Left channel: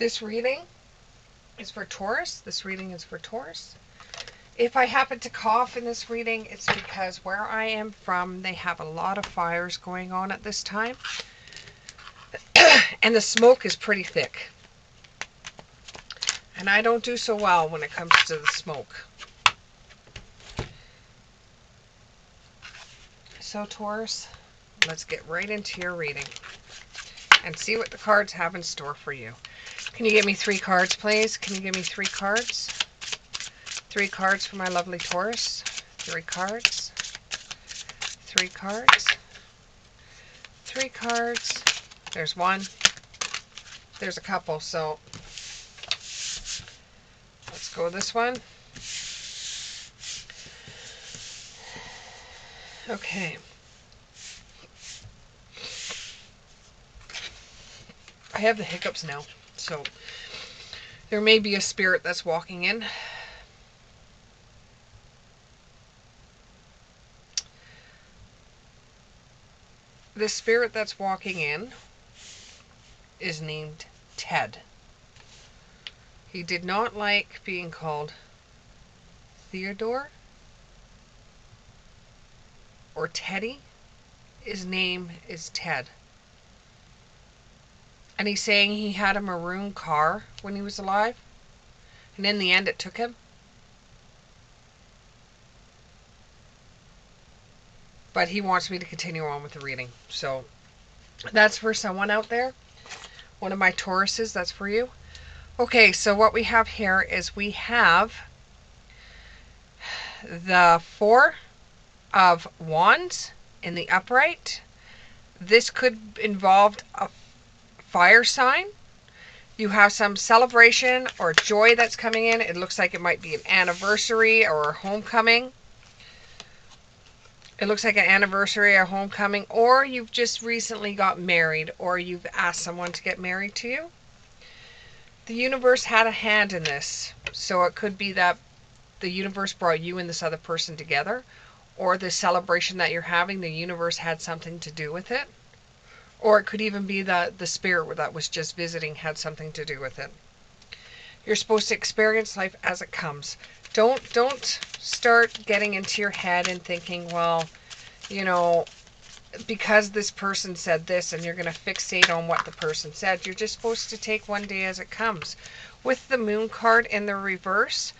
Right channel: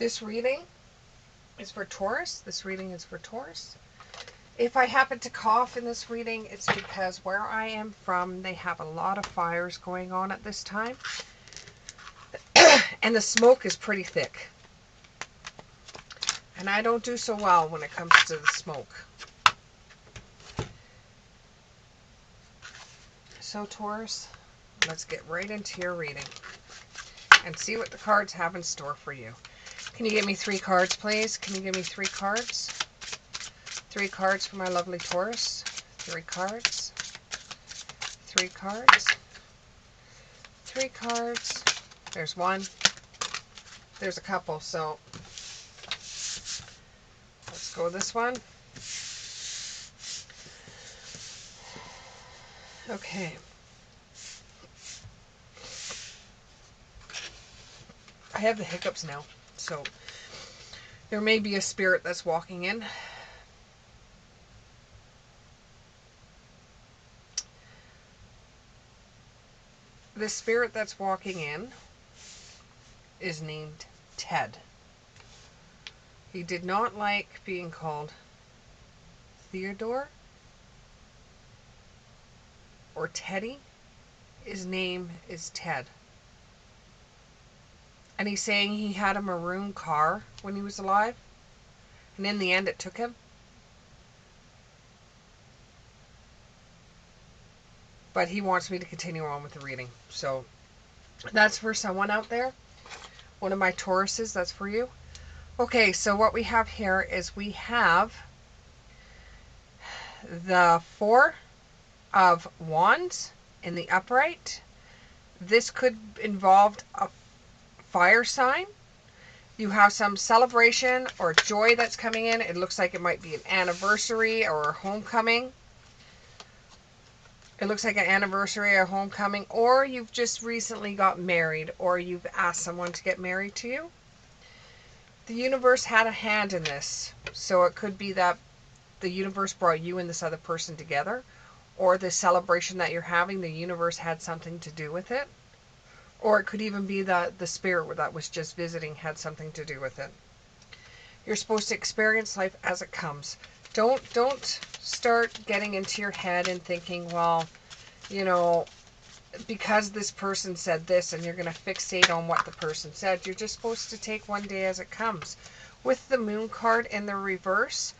This reading is for Taurus. This reading is for Taurus. If I happen to cough in this reading, it's because where I am from, they have a lot of fires going on at this time. And the smoke is pretty thick. And I don't do so well when it comes to the smoke. So Taurus, let's get right into your reading and see what the cards have in store for you. Can you give me 3 cards, please? Can you give me 3 cards? 3 cards for my lovely Taurus. 3 cards. 3 cards. 3 cards. There's 1. There's a couple, so let's go this one. Okay. I have the hiccups now, so there may be a spirit that's walking in. The spirit that's walking in is named Ted. He did not like being called Theodore or Teddy. His name is Ted. And he's saying he had a maroon car when he was alive. And in the end it took him. But he wants me to continue on with the reading. So that's for someone out there. One of my Tauruses, that's for you. Okay, so what we have here is we have the 4 of Wands in the upright. This could involve a fire sign. You have some celebration or joy that's coming in. It looks like it might be an anniversary or a homecoming. It looks like an anniversary or homecoming, or you've just recently got married, or you've asked someone to get married to you. The universe had a hand in this, so it could be that the universe brought you and this other person together, or the celebration that you're having, the universe had something to do with it, or it could even be that the spirit that was just visiting had something to do with it. You're supposed to experience life as it comes. Don't start getting into your head and thinking, well, you know, because this person said this, and you're going to fixate on what the person said. You're just supposed to take one day as it comes. With the moon card in the reverse,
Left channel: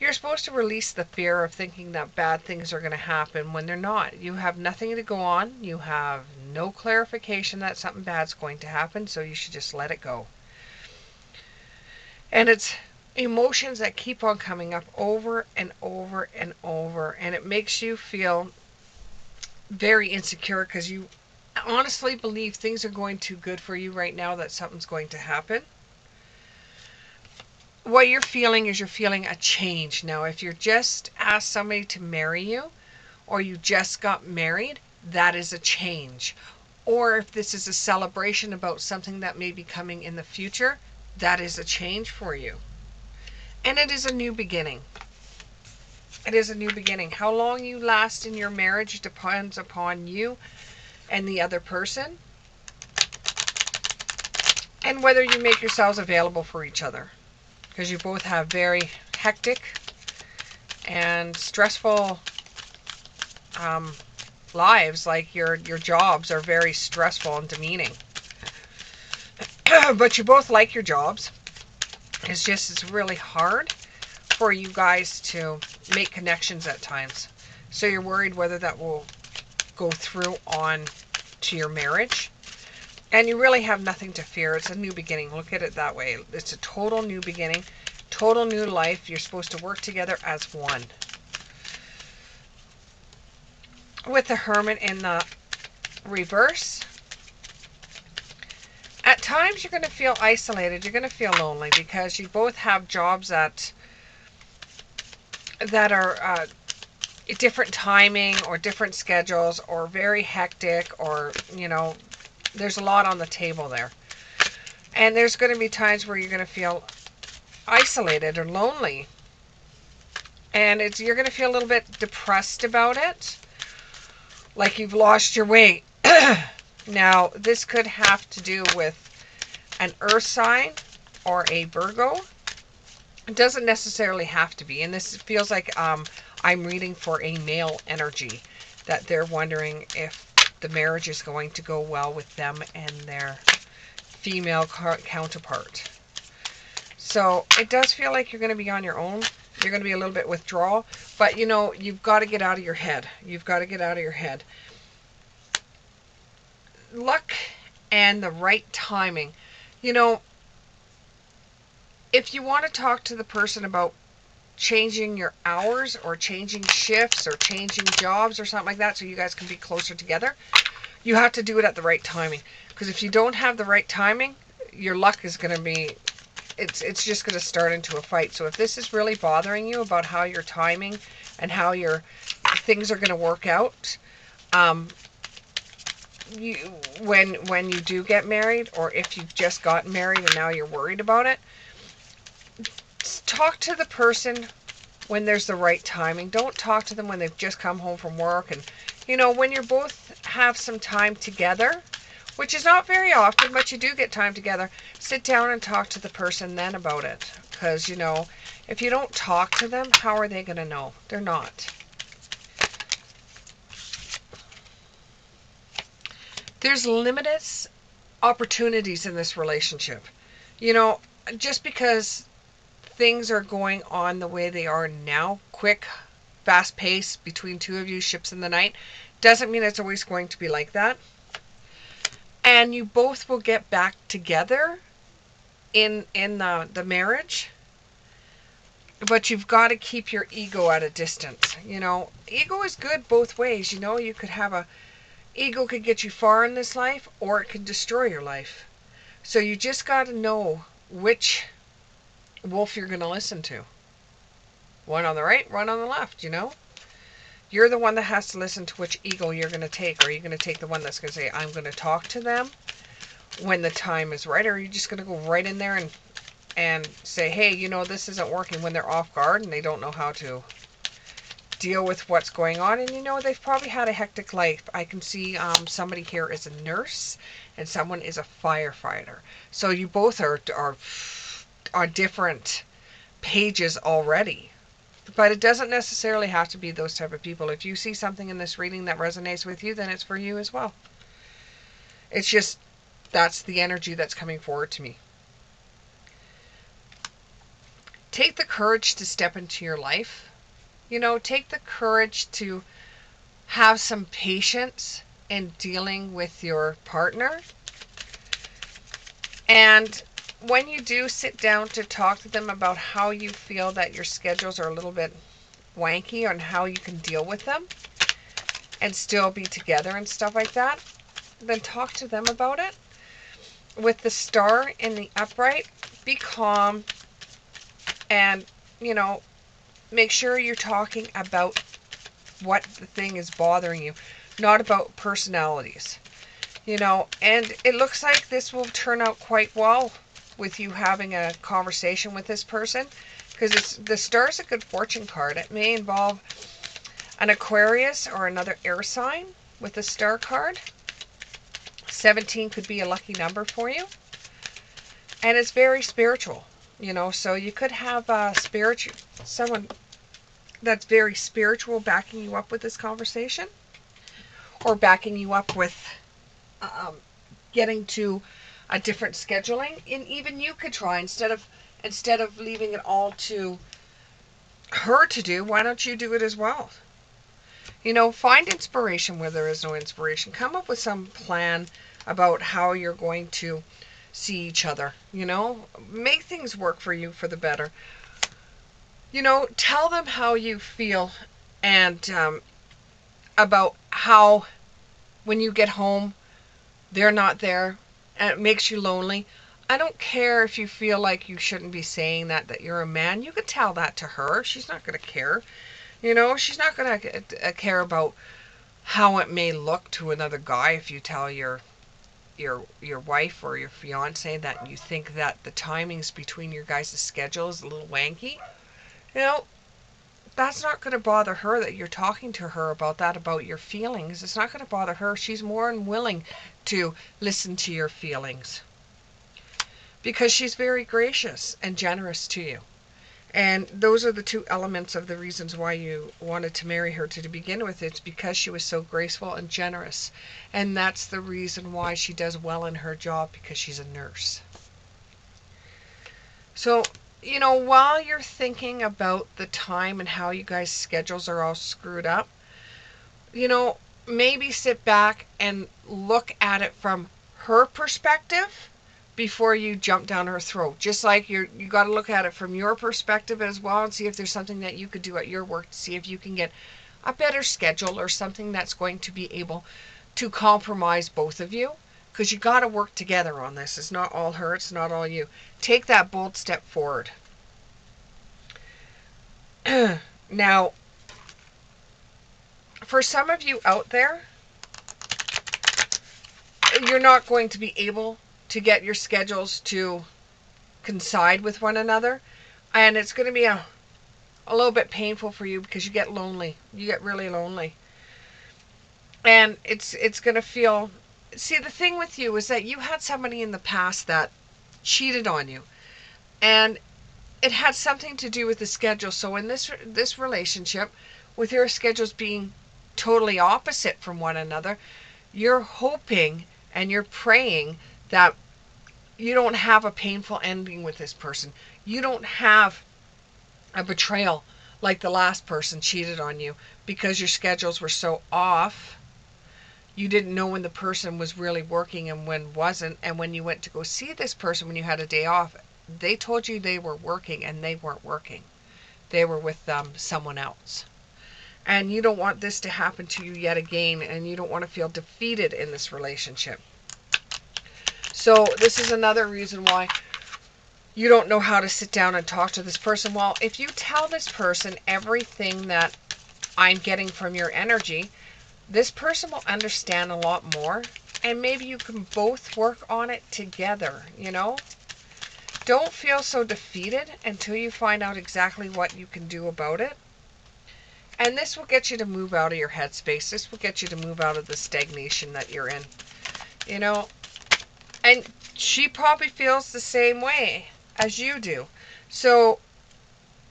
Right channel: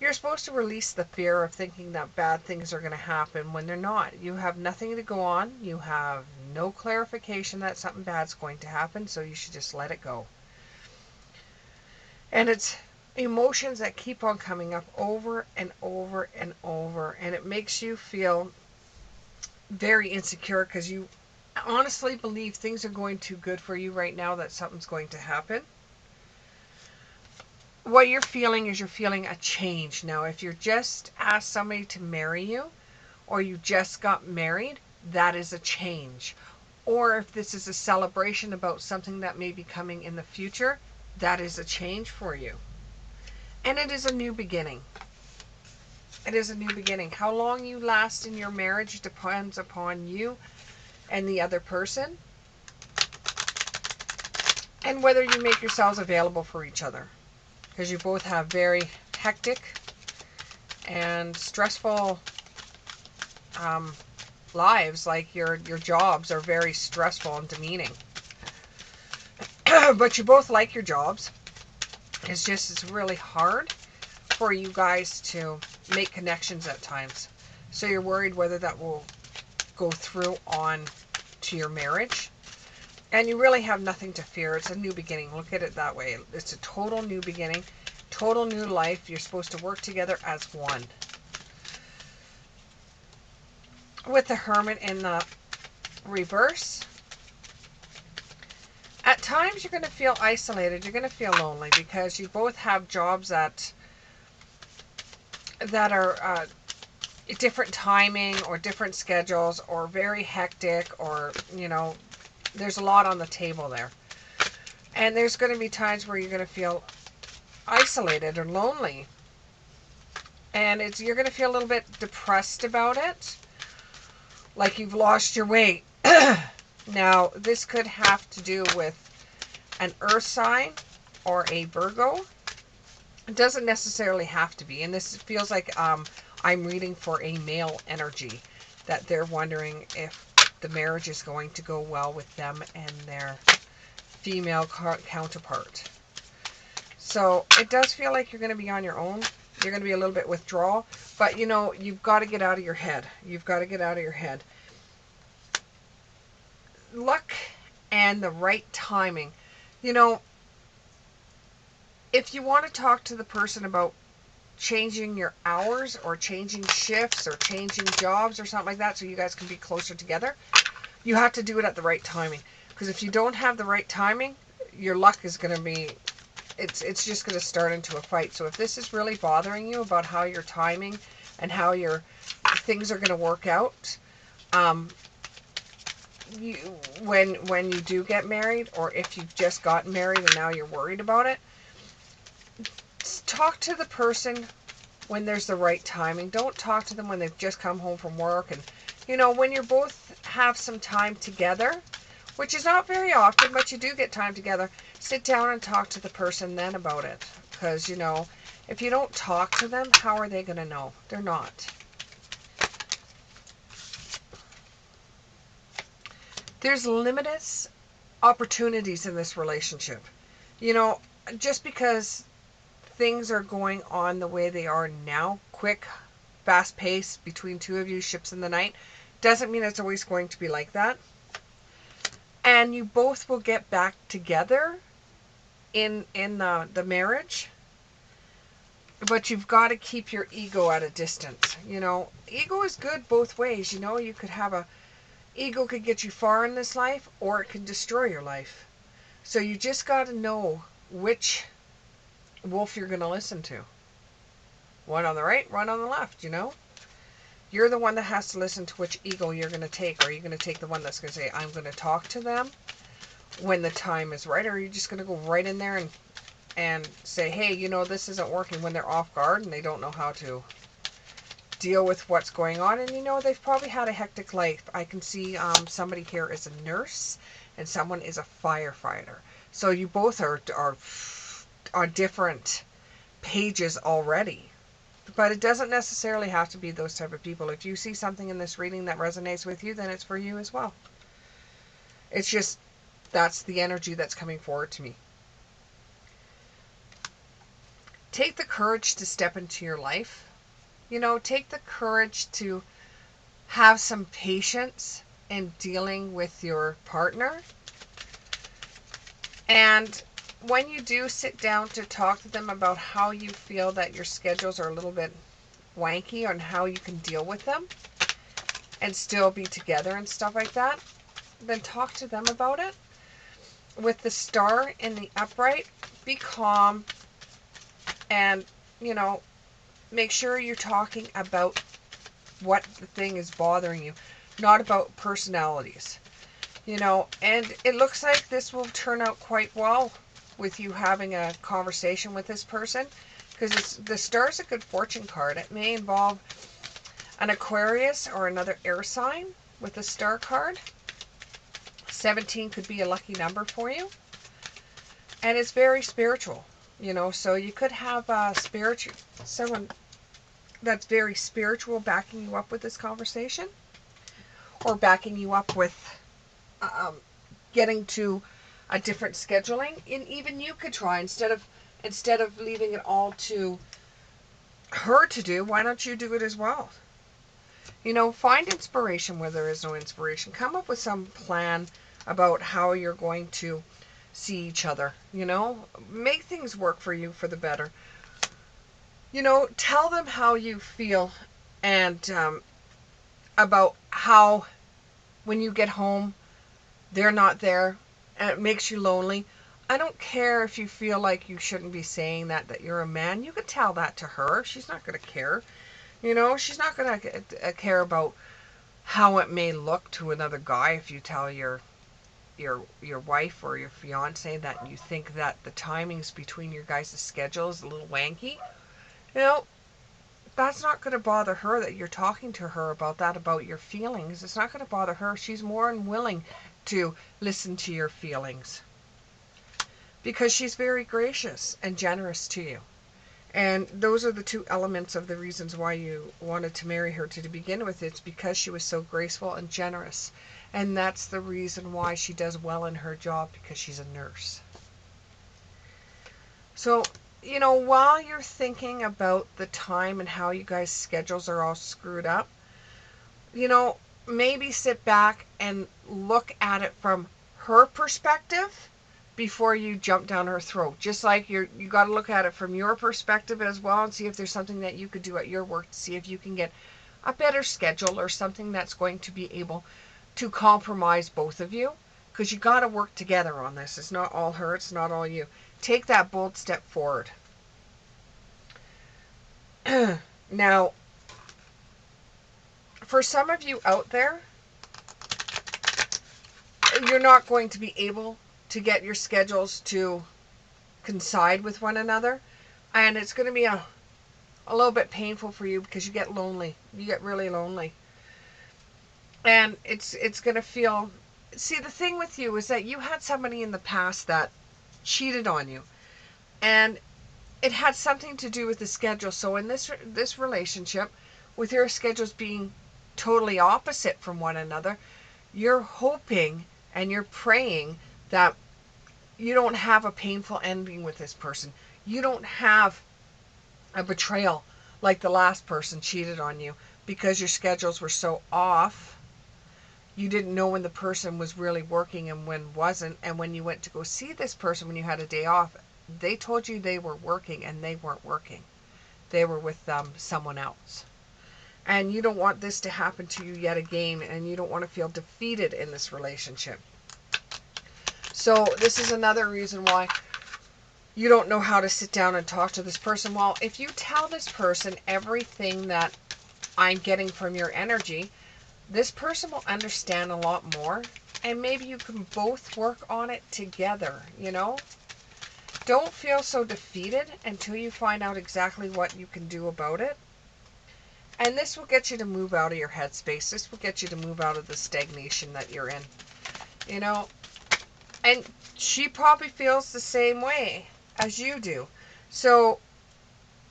you're supposed to release the fear of thinking that bad things are going to happen when they're not. You have nothing to go on. You have no clarification that something bad's going to happen, so you should just let it go. And it's emotions that keep on coming up over and over and over, and it makes you feel very insecure because you honestly believe things are going too good for you right now, that something's going to happen. What you're feeling is you're feeling a change. Now, if you're just asked somebody to marry you, or you just got married, that is a change. Or if this is a celebration about something that may be coming in the future, that is a change for you. And it is a new beginning. It is a new beginning. How long you last in your marriage depends upon you and the other person, and whether you make yourselves available for each other, because you both have very hectic and stressful lives. Like your jobs are very stressful and demeaning. But you both like your jobs. It's really hard for you guys to make connections at times. So you're worried whether that will go through on to your marriage. And you really have nothing to fear. It's a new beginning. Look at it that way. It's a total new beginning, total new life. You're supposed to work together as one. With the Hermit in the reverse, at times you're going to feel isolated. You're going to feel lonely because you both have jobs that are different timing or different schedules, or very hectic, or, you know, there's a lot on the table there. And there's going to be times where you're going to feel isolated or lonely. And you're going to feel a little bit depressed about it, like you've lost your way. Now, this could have to do with an earth sign or a Virgo. It doesn't necessarily have to be. And this feels like I'm reading for a male energy, that they're wondering if the marriage is going to go well with them and their female counterpart. So it does feel like you're going to be on your own. You're going to be a little bit withdrawal. But, you know, you've got to get out of your head. You've got to get out of your head. Luck and the right timing. You know, if you want to talk to the person about changing your hours or changing shifts or changing jobs or something like that so you guys can be closer together, you have to do it at the right timing. Because if you don't have the right timing, your luck is going to be, it's just going to start into a fight. So if this is really bothering you about how your timing and how your things are going to work out, you when you do get married, or if you've just gotten married and now you're worried about it, talk to the person when there's the right timing. Don't talk to them when they've just come home from work. And, you know, when you both have some time together, which is not very often, but you do get time together, sit down and talk to the person then about it. Because, you know, if you don't talk to them, how are they going to know? They're not. There's limitless opportunities in this relationship. You know, just because things are going on the way they are now, quick, fast pace between two of you, ships in the night, doesn't mean it's always going to be like that. And you both will get back together in the marriage, but you've got to keep your ego at a distance. You know, ego is good both ways. You know, you could have a ego could get you far in this life, or it could destroy your life. So you just got to know which wolf you're going to listen to. One on the right, one on the left, you know? You're the one that has to listen to which ego you're going to take. Are you going to take the one that's going to say, I'm going to talk to them when the time is right? Or are you just going to go right in there and say, hey, you know, this isn't working, when they're off guard and they don't know how to deal with what's going on? And, you know, they've probably had a hectic life. I can see somebody here is a nurse and someone is a firefighter. So you both are different pages already. But it doesn't necessarily have to be those type of people. If you see something in this reading that resonates with you, then it's for you as well. It's just, that's the energy that's coming forward to me. Take the courage to step into your life. You know, take the courage to have some patience in dealing with your partner. And when you do sit down to talk to them about how you feel that your schedules are a little bit wanky, on how you can deal with them and still be together and stuff like that, then talk to them about it. With the star in the upright, be calm and, you know, make sure you're talking about what the thing is bothering you, not about personalities. You know, and it looks like this will turn out quite well with you having a conversation with this person, because the star's a good fortune card. It may involve an Aquarius or another air sign with the star card. 17 could be a lucky number for you. And it's very spiritual, you know, so you could have someone that's very spiritual backing you up with this conversation, or backing you up with getting to a different scheduling. And even you could try, instead of leaving it all to her to do, why don't you do it as well? You know, find inspiration where there is no inspiration. Come up with some plan about how you're going to see each other. You know, make things work for you for the better. You know, tell them how you feel, and about how when you get home they're not there and it makes you lonely. I don't care if you feel like you shouldn't be saying that you're a man. You could tell that to her. She's not going to care. You know, she's not going to care about how it may look to another guy if you tell your wife or your fiance that you think that the timings between your guys' schedule is a little wanky. You know, that's not going to bother her that you're talking to her about that, about your feelings. It's not going to bother her. She's more than willing to listen to your feelings. because she's very gracious and generous to you. And those are the two elements of the reasons why you wanted to marry her to begin with. It's because she was so graceful and generous. And that's the reason why she does well in her job, because she's a nurse. So, while you're thinking about the time and how you guys' schedules are all screwed up, you know, maybe sit back and look at it from her perspective before you jump down her throat. Just like you got to look at it from your perspective as well, and see if there's something that you could do at your work to see if you can get a better schedule or something that's going to be able to compromise both of you, because you got to work together on this. It's not all her, it's not all you. Take that bold step forward. Now, for some of you out there, you're not going to be able to get your schedules to coincide with one another, and it's going to be a little bit painful for you, because you get lonely. You get really lonely, and it's going to feel. See, the thing with you is that you had somebody in the past that cheated on you, and it had something to do with the schedule. So in this relationship, with your schedules being totally opposite from one another, you're hoping and you're praying that you don't have a painful ending with this person. You don't have a betrayal like the last person cheated on you, because your schedules were so off. You didn't know when the person was really working and when wasn't. And when you went to go see this person when you had a day off, they told you they were working, and they weren't working. They were with someone else. And you don't want this to happen to you yet again, and you don't want to feel defeated in this relationship. So this is another reason why you don't know how to sit down and talk to this person. Well, if you tell this person everything that I'm getting from your energy, this person will understand a lot more, and maybe you can both work on it together, Don't feel so defeated until you find out exactly what you can do about it. And this will get you to move out of your headspace. This will get you to move out of the stagnation that you're in, And she probably feels the same way as you do. So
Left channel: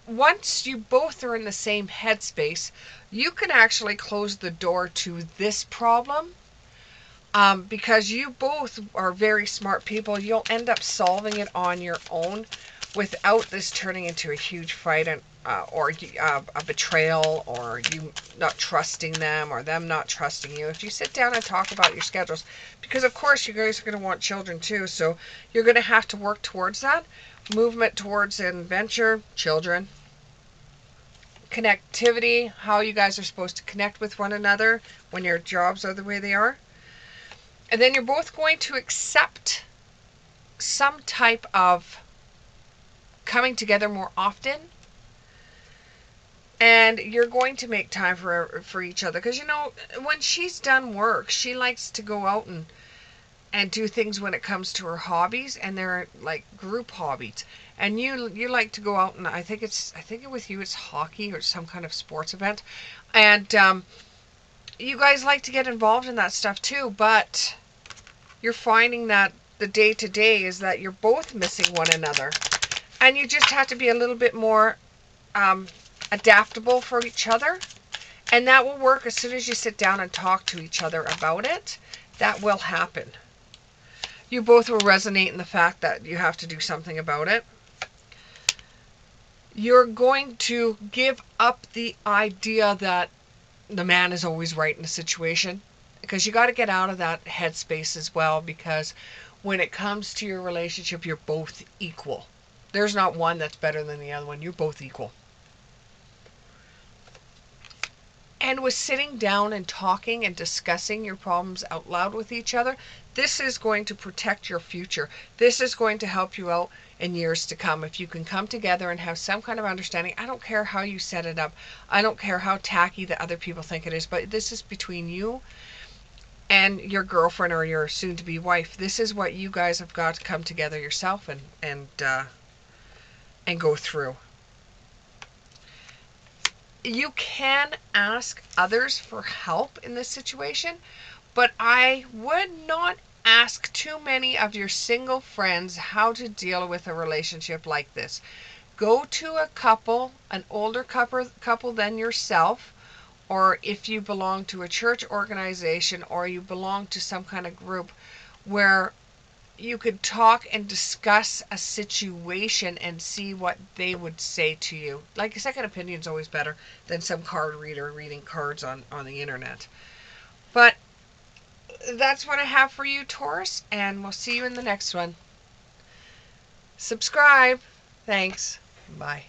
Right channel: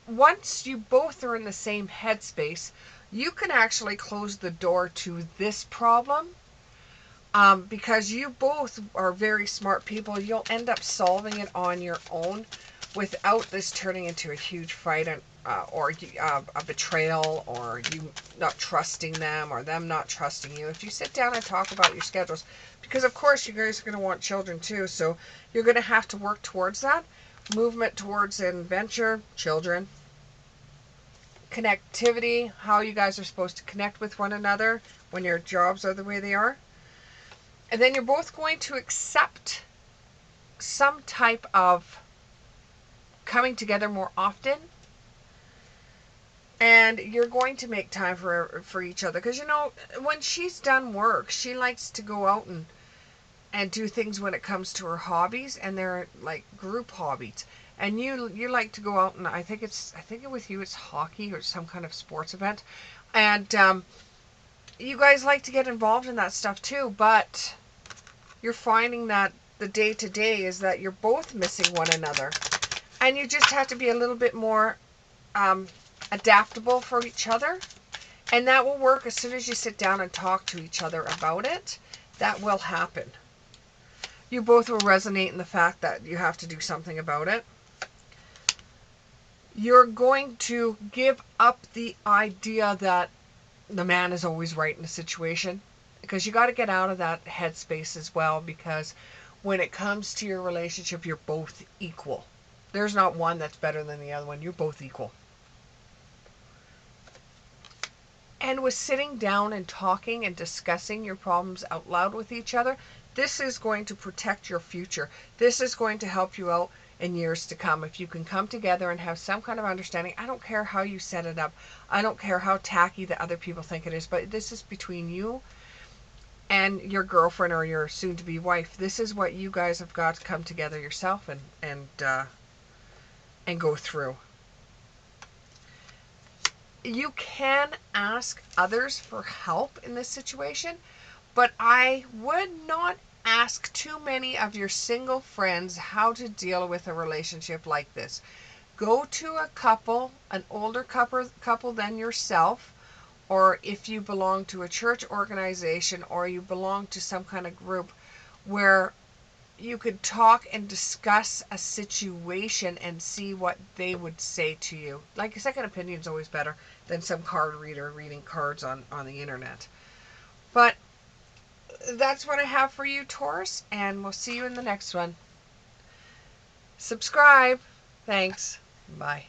once you both are in the same headspace, you can actually close the door to this problem, because you both are very smart people. You'll end up solving it on your own without this turning into a huge fight, or a betrayal, or you not trusting them, or them not trusting you. If you sit down and talk about your schedules, because of course you guys are going to want children too, so you're going to have to work towards that. Movement towards adventure, children, connectivity, how you guys are supposed to connect with one another when your jobs are the way they are. And then you're both going to accept some type of coming together more often. And you're going to make time for each other. Because, when she's done work, she likes to go out and do things when it comes to her hobbies. And they're like group hobbies. And you like to go out, and I think with you it's hockey or some kind of sports event. And you guys like to get involved in that stuff too. But you're finding that the day-to-day is that you're both missing one another. And you just have to be a little bit more adaptable for each other. And that will work as soon as you sit down and talk to each other about it. That will happen. You both will resonate in the fact that you have to do something about it. You're going to give up the idea that the man is always right in a situation, because you got to get out of that headspace as well, because when it comes to your relationship, you're both equal. There's not one that's better than the other one. You're both equal. And with sitting down and talking and discussing your problems out loud with each other, this is going to protect your future. This is going to help you out in years to come. If you can come together and have some kind of understanding, I don't care how you set it up. I don't care how tacky the other people think it is, but this is between you and your girlfriend or your soon-to-be wife. This is what you guys have got to come together yourself and go through. You can ask others for help in this situation, but I would not ask too many of your single friends how to deal with a relationship like this. Go to a couple, an older couple than yourself, or if you belong to a church organization or you belong to some kind of group where you could talk and discuss a situation and see what they would say to you. Like a second opinion is always better than some card reader reading cards on the internet. But that's what I have for you, Taurus, and we'll see you in the next one. Subscribe. Thanks. Bye.